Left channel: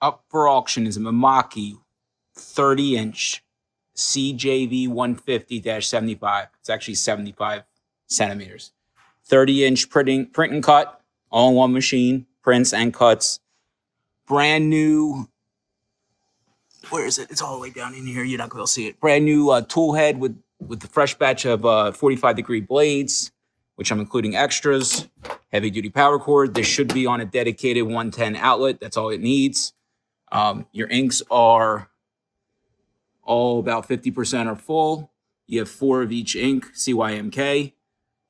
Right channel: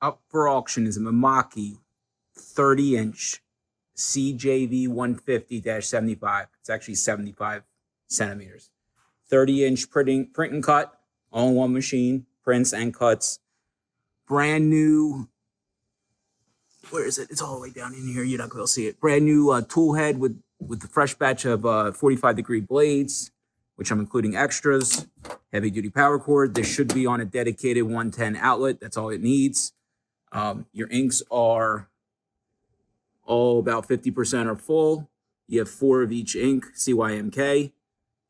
up for auction is a Mimaki 30-inch CJV150-75. It's actually 75 centimeters. 30-inch print and cut, all in one machine, prints and cuts. Brand new, where is it? It's all the way down in here. You're not going to see it. Brand new tool head with the fresh batch of 45-degree blades, which I'm including extras. Heavy-duty power cord. This should be on a dedicated 110 outlet. That's all it needs. Your inks are all about 50% are full. You have 4 of each ink, CYMK.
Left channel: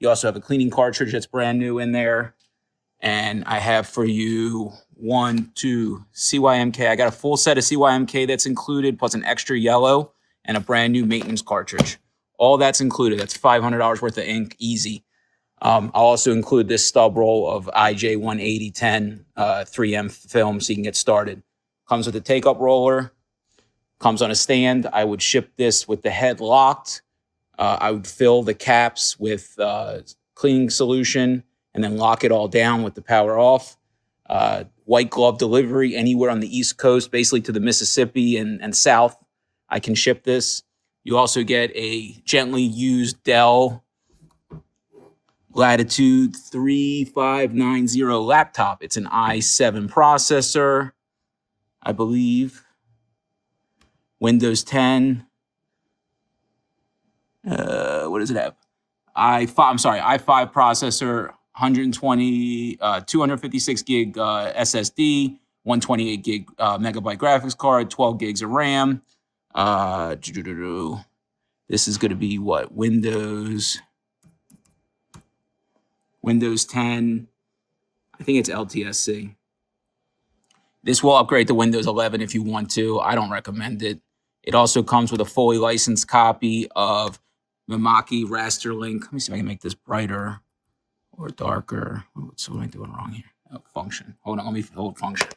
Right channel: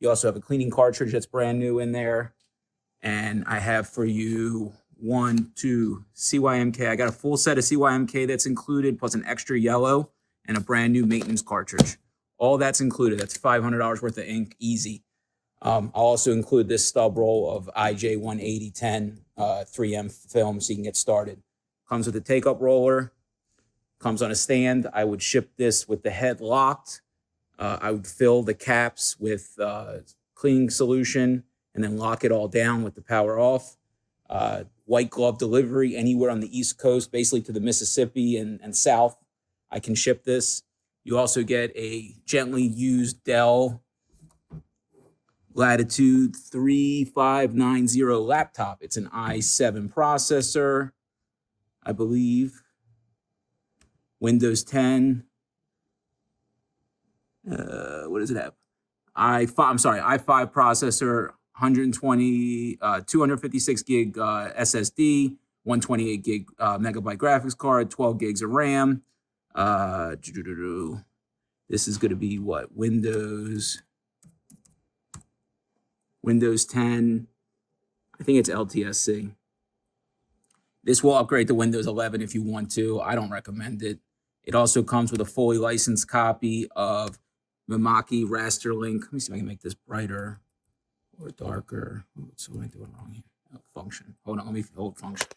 You also have a cleaning cartridge that's brand new in there. And I have for you 1, 2, CYMK. I got a full set of CYMK that's included, plus an extra yellow and a brand new maintenance cartridge. All that's included. That's $500 worth of ink, easy. I'll also include this stub roll of IJ18010 3M film so you can get started. Comes with a take-up roller. Comes on a stand. I would ship this with the head locked. I would fill the caps with cleaning solution and then lock it all down with the power off. White glove delivery anywhere on the East Coast, basically to the Mississippi and South. I can ship this. You also get a gently used Dell Latitude 3590 laptop. It's an i7 processor, I believe. Windows 10. What does it have? i5 processor, 256 gig SSD, 128 gig megabyte graphics card, 12 gigs of RAM. This is going to be what? Windows 10. I think it's LTSC. This will upgrade to Windows 11 if you want to. I don't recommend it. It also comes with a fully licensed copy of Mimaki RASTERLINK. Let me see if I can make this brighter or darker. What am I doing wrong here? Oh, function. Hold on, let me hold function.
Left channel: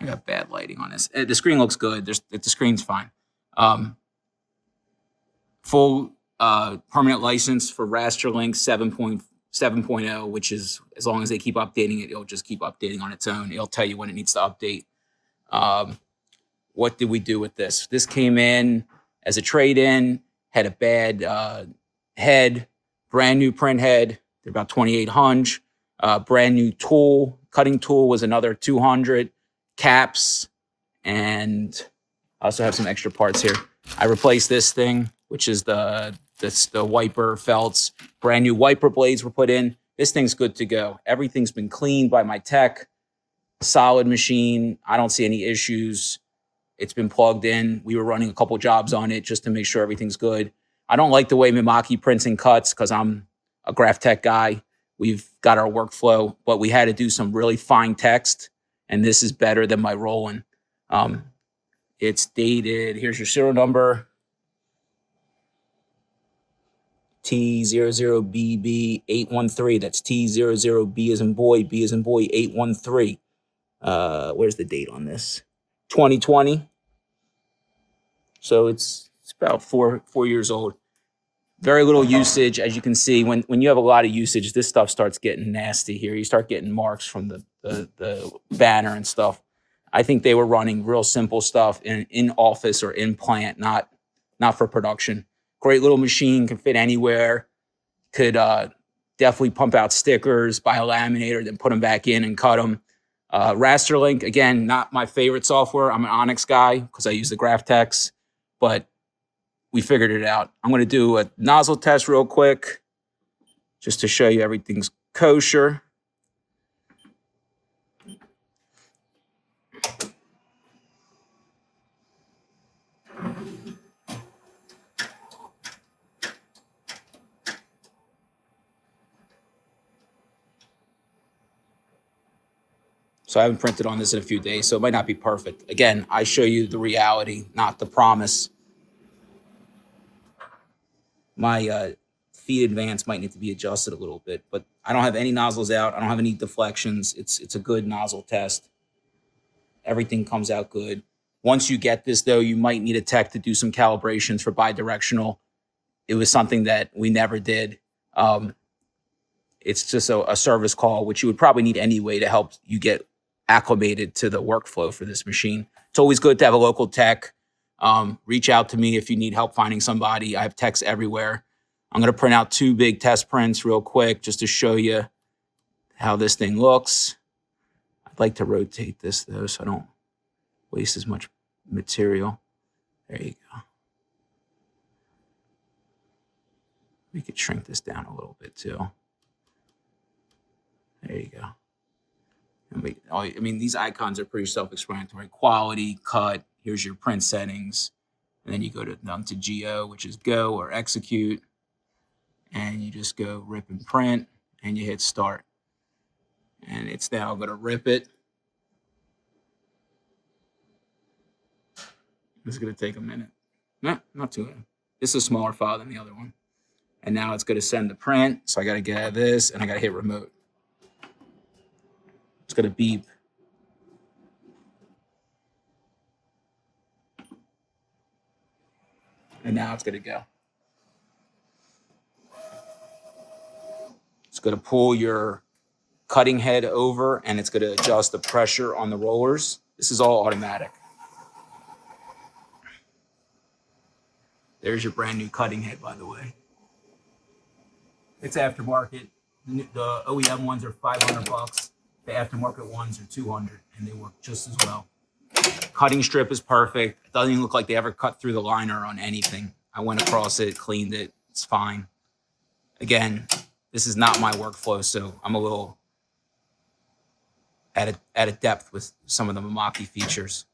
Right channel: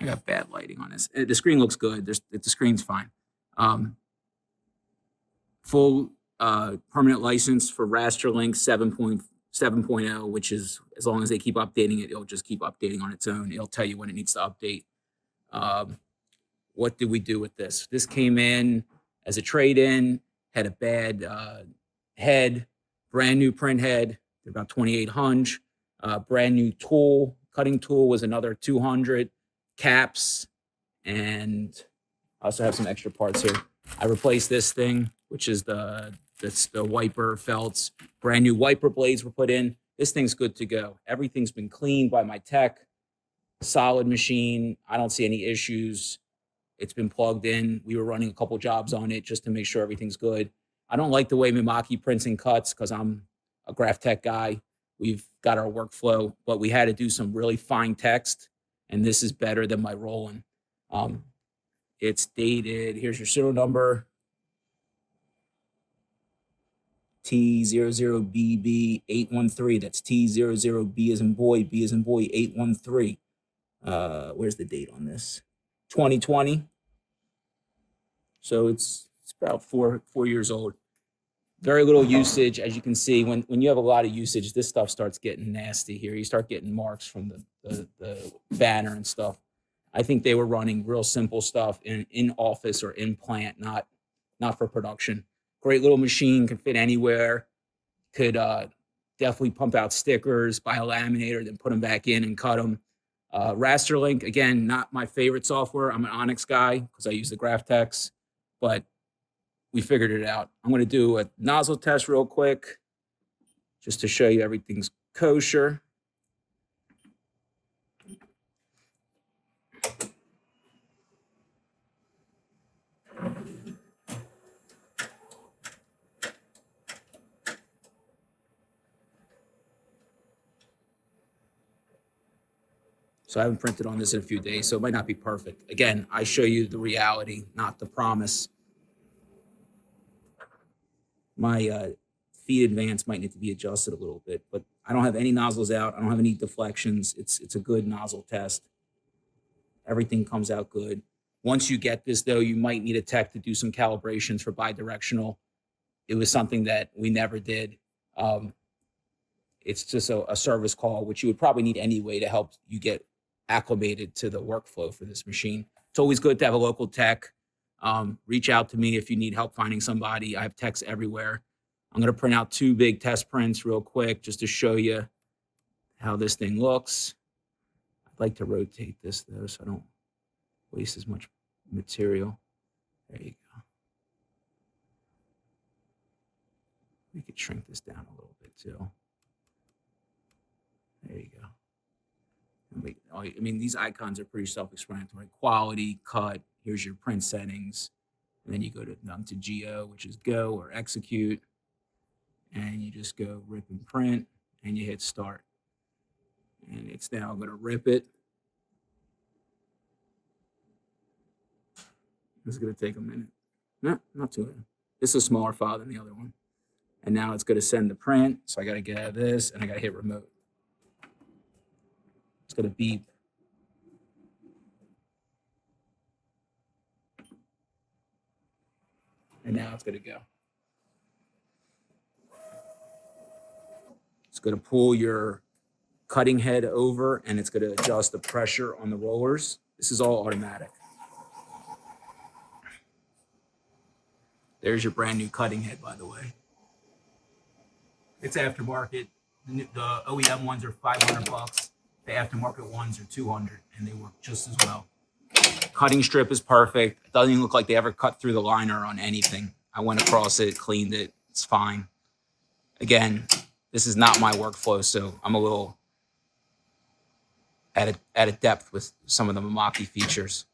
I got bad lighting on this. The screen looks good. The screen's fine. Full permanent license for RASTERLINK 7.0, which is, as long as they keep updating it, it'll just keep updating on its own. It'll tell you when it needs to update. What did we do with this? This came in as a trade-in, had a bad head, brand new print head. They're about 2,800. Brand new tool, cutting tool was another 200. Caps, and I also have some extra parts here. I replaced this thing, which is the wiper felts. Brand new wiper blades were put in. This thing's good to go. Everything's been cleaned by my tech. Solid machine. I don't see any issues. It's been plugged in. We were running a couple jobs on it just to make sure everything's good. I don't like the way Mimaki prints and cuts because I'm a graph tech guy. We've got our workflow, but we had to do some really fine text, and this is better than my Roland. It's dated. Here's your serial number. T00BB813. That's T00B as in boy, B as in boy, 813. Where's the date on this? 2020. So it's about four years old. Very little usage. As you can see, when you have a lot of usage, this stuff starts getting nasty here. You start getting marks from the banner and stuff. I think they were running real simple stuff in office or in plant, not for production. Great little machine, can fit anywhere. Could definitely pump out stickers, buy a laminator, then put them back in and cut them. RASTERLINK, again, not my favorite software. I'm an Onyx guy because I use the GraphTex, but we figured it out. I'm going to do a nozzle test real quick just to show you everything's kosher. So I haven't printed on this in a few days, so it might not be perfect. Again, I show you the reality, not the promise. My feed advance might need to be adjusted a little bit, but I don't have any nozzles out. I don't have any deflections. It's a good nozzle test. Everything comes out good. Once you get this, though, you might need a tech to do some calibrations for bidirectional. It was something that we never did. It's just a service call, which you would probably need anyway to help you get acclimated to the workflow for this machine. It's always good to have a local tech. Reach out to me if you need help finding somebody. I have techs everywhere. I'm going to print out 2 big test prints real quick just to show you how this thing looks. I'd like to rotate this though so I don't waste as much material. There you go. We could shrink this down a little bit too. There you go. I mean, these icons are pretty self-explanatory. Quality, cut, here's your print settings. And then you go down to GO, which is go or execute. And you just go rip and print, and you hit start. And it's now going to rip it. This is going to take a minute. No, not too bad. This is a smaller file than the other one. And now it's going to send the print. So I got to get out of this, and I got to hit remote. It's going to beep. And now it's going to go. It's going to pull your cutting head over, and it's going to adjust the pressure on the rollers. This is all automatic. There's your brand new cutting head, by the way. It's aftermarket. The OEM ones are $500. The aftermarket ones are $200, and they work just as well. Cutting strip is perfect. It doesn't even look like they ever cut through the liner on anything. I went across it, cleaned it. It's fine. Again, this is not my workflow, so I'm a little at a depth with some of the Mimaki features.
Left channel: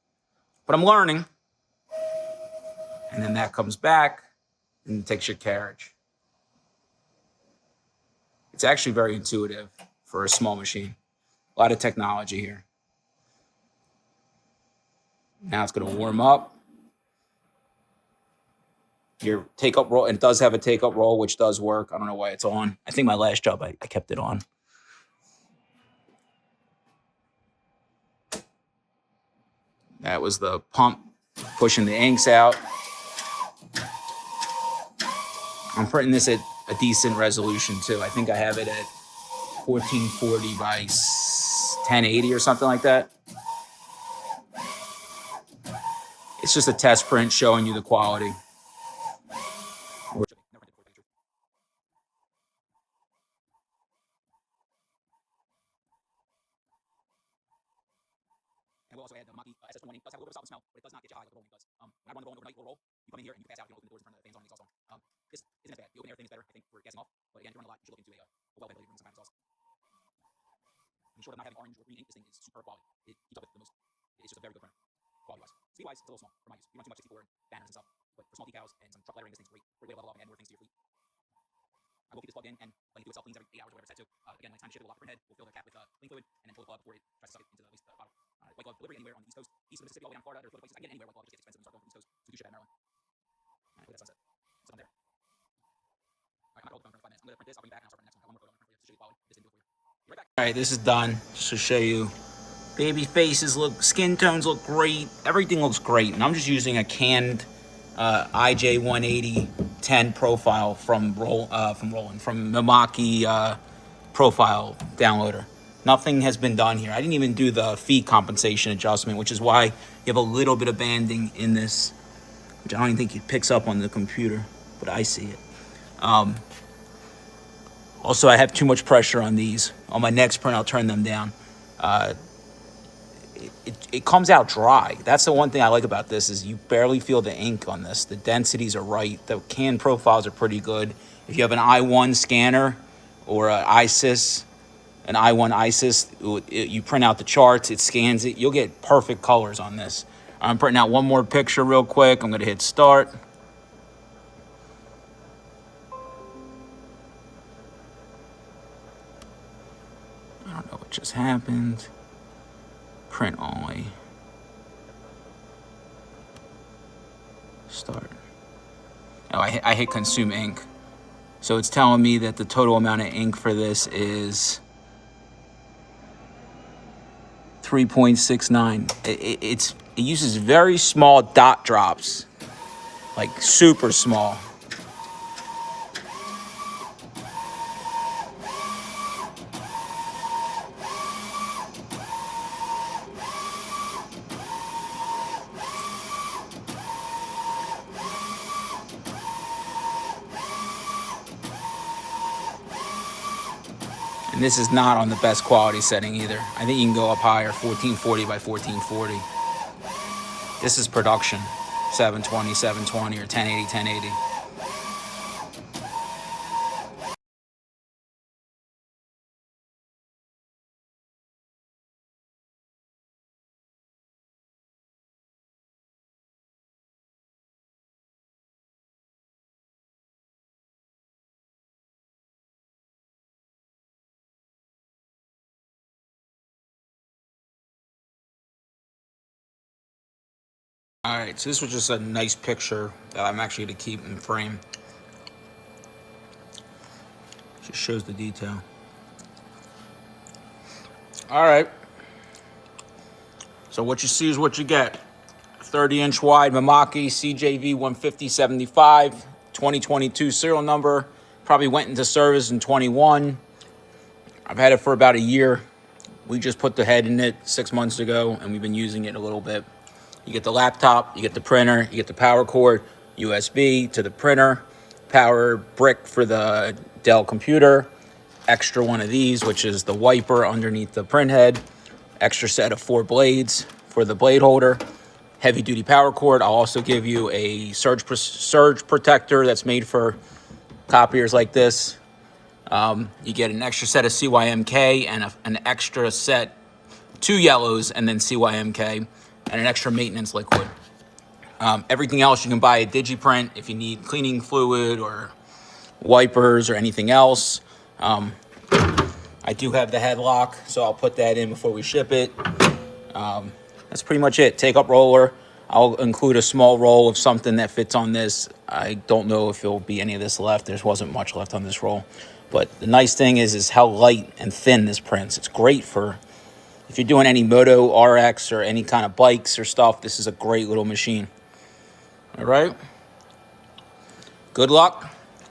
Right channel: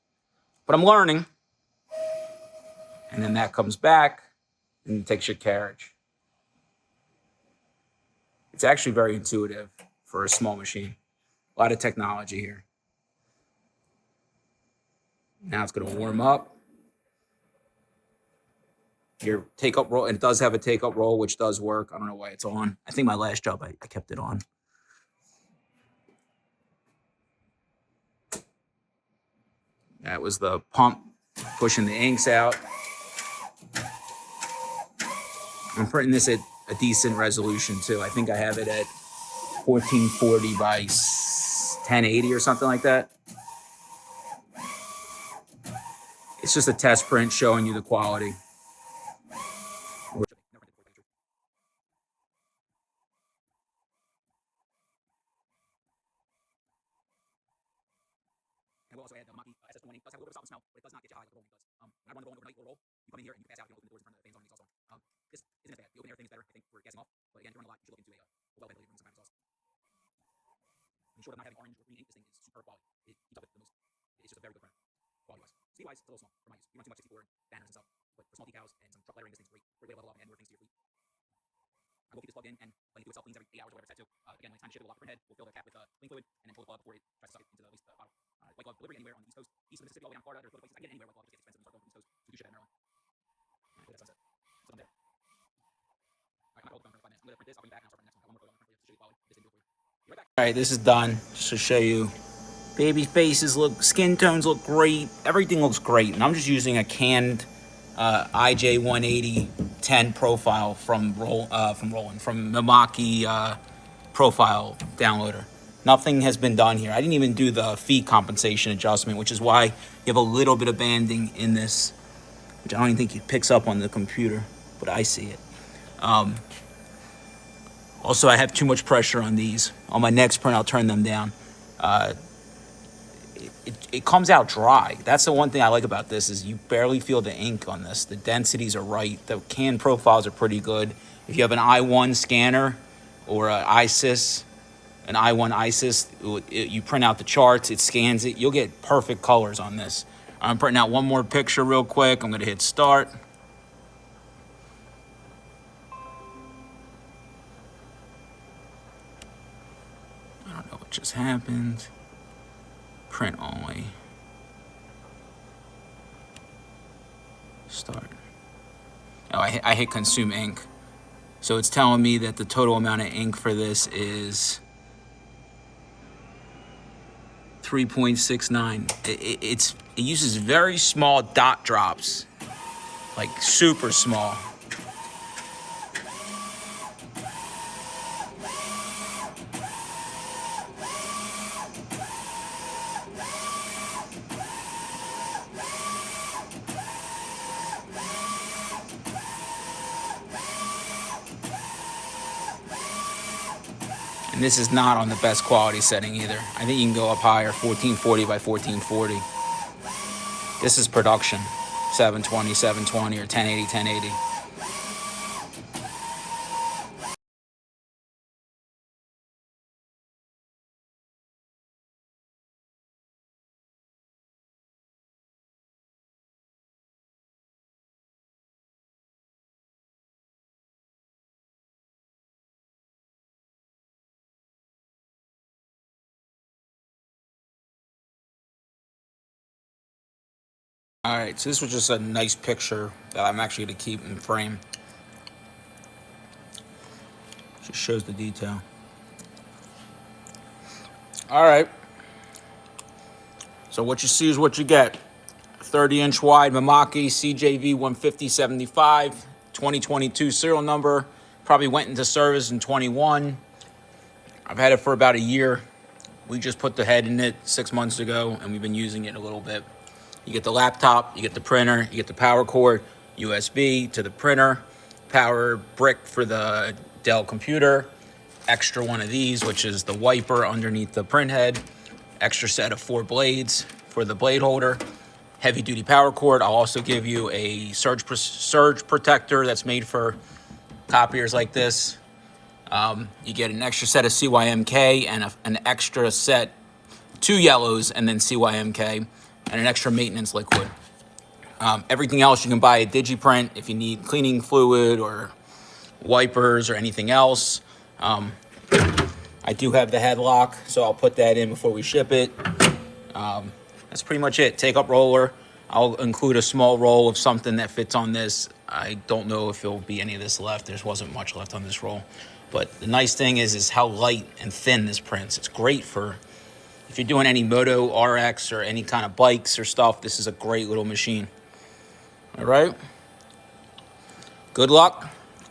But I'm learning. And then that comes back and takes your carriage. It's actually very intuitive for a small machine. A lot of technology here. Now it's going to warm up. Your take-up roll, and it does have a take-up roll, which does work. I don't know why it's on. I think my last job, I kept it on. That was the pump pushing the inks out. I'm printing this at a decent resolution too. I think I have it at 1440 by 1080 or something like that. It's just a test print showing you the quality. And we'll also add the Mimaki SS120. It does have a little bit of solid smell, but it does not get you high like the rolling does. When I run the roll overnight, little roll, you come in here and you pass out, you open the doors and turn the things on the exhaust on. This isn't as bad. The open air thing is better. I think we're gassing off. But again, if you run a lot, you should look into a well ventilated room some kind of exhaust. And short of not having orange or green ink, this thing is super quality. It keeps up with the most. It's just a very good printer, quality-wise. Speed-wise, it's a little small for my use. You run too much 64 banners and stuff. But for small decals and some truck lettering, this thing's great. Great way to level up and add more things to your fleet. I will keep this plugged in and letting it do itself cleans every 8 hours or whatever it's set to. Again, when it's time to ship it, we'll lock the print head. We'll fill the cap with clean fluid and then pull the plug before it tries to suck it into the waste bottle. White glove delivery anywhere on the East Coast, east of Mississippi, all the way down to Florida. There's other places I can get anywhere. White glove just gets expensive and start going from the East Coast. So do ship out of Maryland. All right, look at that sunset. Something there. All right, I'm not going for 5 minutes. I'm going to print this. I'll bring you back and I'll start the next one. I'll one more photo on the print for you just to show you quality. This didn't do it for you. Be right back. All right, this is done. Just to show you. Baby faces look, skin tones look great. Everything looks great. And I'm just using a canned IJ180-10 profile from Mimaki profile downloader. Nothing has been done here. I didn't even do the feed compensation adjustment, which is why you have a little bit of banding in this, which I don't even think it picks up on the computer, but I see it. Also, I have too much pressure on these. On my next print, I'll turn them down. It comes out dry. That's the one thing I like about this is you barely feel the ink on this. The densities are right. The can profiles are pretty good. If you have an i1 scanner or an ISIS, an i1 ISIS, you print out the charts, it scans it, you'll get perfect colors on this. I'm printing out one more picture real quick. I'm gonna hit start. I don't know what just happened. Print only. Start. Oh, I hit consume ink. So it's telling me that the total amount of ink for this is 3.69. It uses very small dot drops, like super small. And this is not on the best quality setting either. I think you can go up higher, 1440 by 1440. This is production, 720, 720, or 1080, 1080. All right, so this was just a nice picture that I'm actually going to keep in frame. Just shows the detail. All right. So what you see is what you get. 30-inch wide Mimaki CJV150-75, 2022 serial number. Probably went into service in 21. I've had it for about a year. We just put the head in it 6 months ago, and we've been using it a little bit. You get the laptop, you get the printer, you get the power cord, USB to the printer, power brick for the Dell computer, extra one of these, which is the wiper underneath the print head, extra set of 4 blades for the blade holder, heavy duty power cord. I'll also give you a surge protector that's made for copiers like this. You get an extra set of CYMK and an extra set, 2 yellows and then CYMK, and an extra maintenance liquid. Everything else you can buy at DigiPrint if you need cleaning fluid or wipers or anything else. I do have the headlock, so I'll put that in before we ship it. That's pretty much it. Take up roller. I'll include a small roll of something that fits on this. I don't know if there'll be any of this left. There wasn't much left on this roll. But the nice thing is how light and thin this prints. It's great for if you're doing any Moto RX or any kind of bikes or stuff. This is a great little machine. All right. Good luck.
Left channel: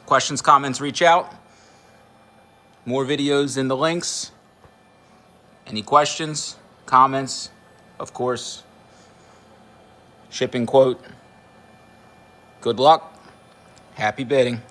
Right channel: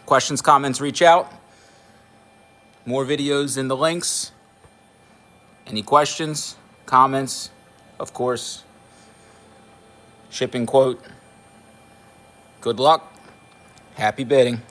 Questions, comments, reach out. More videos in the links. Any questions, comments, of course. Shipping quote. Good luck. Happy bidding.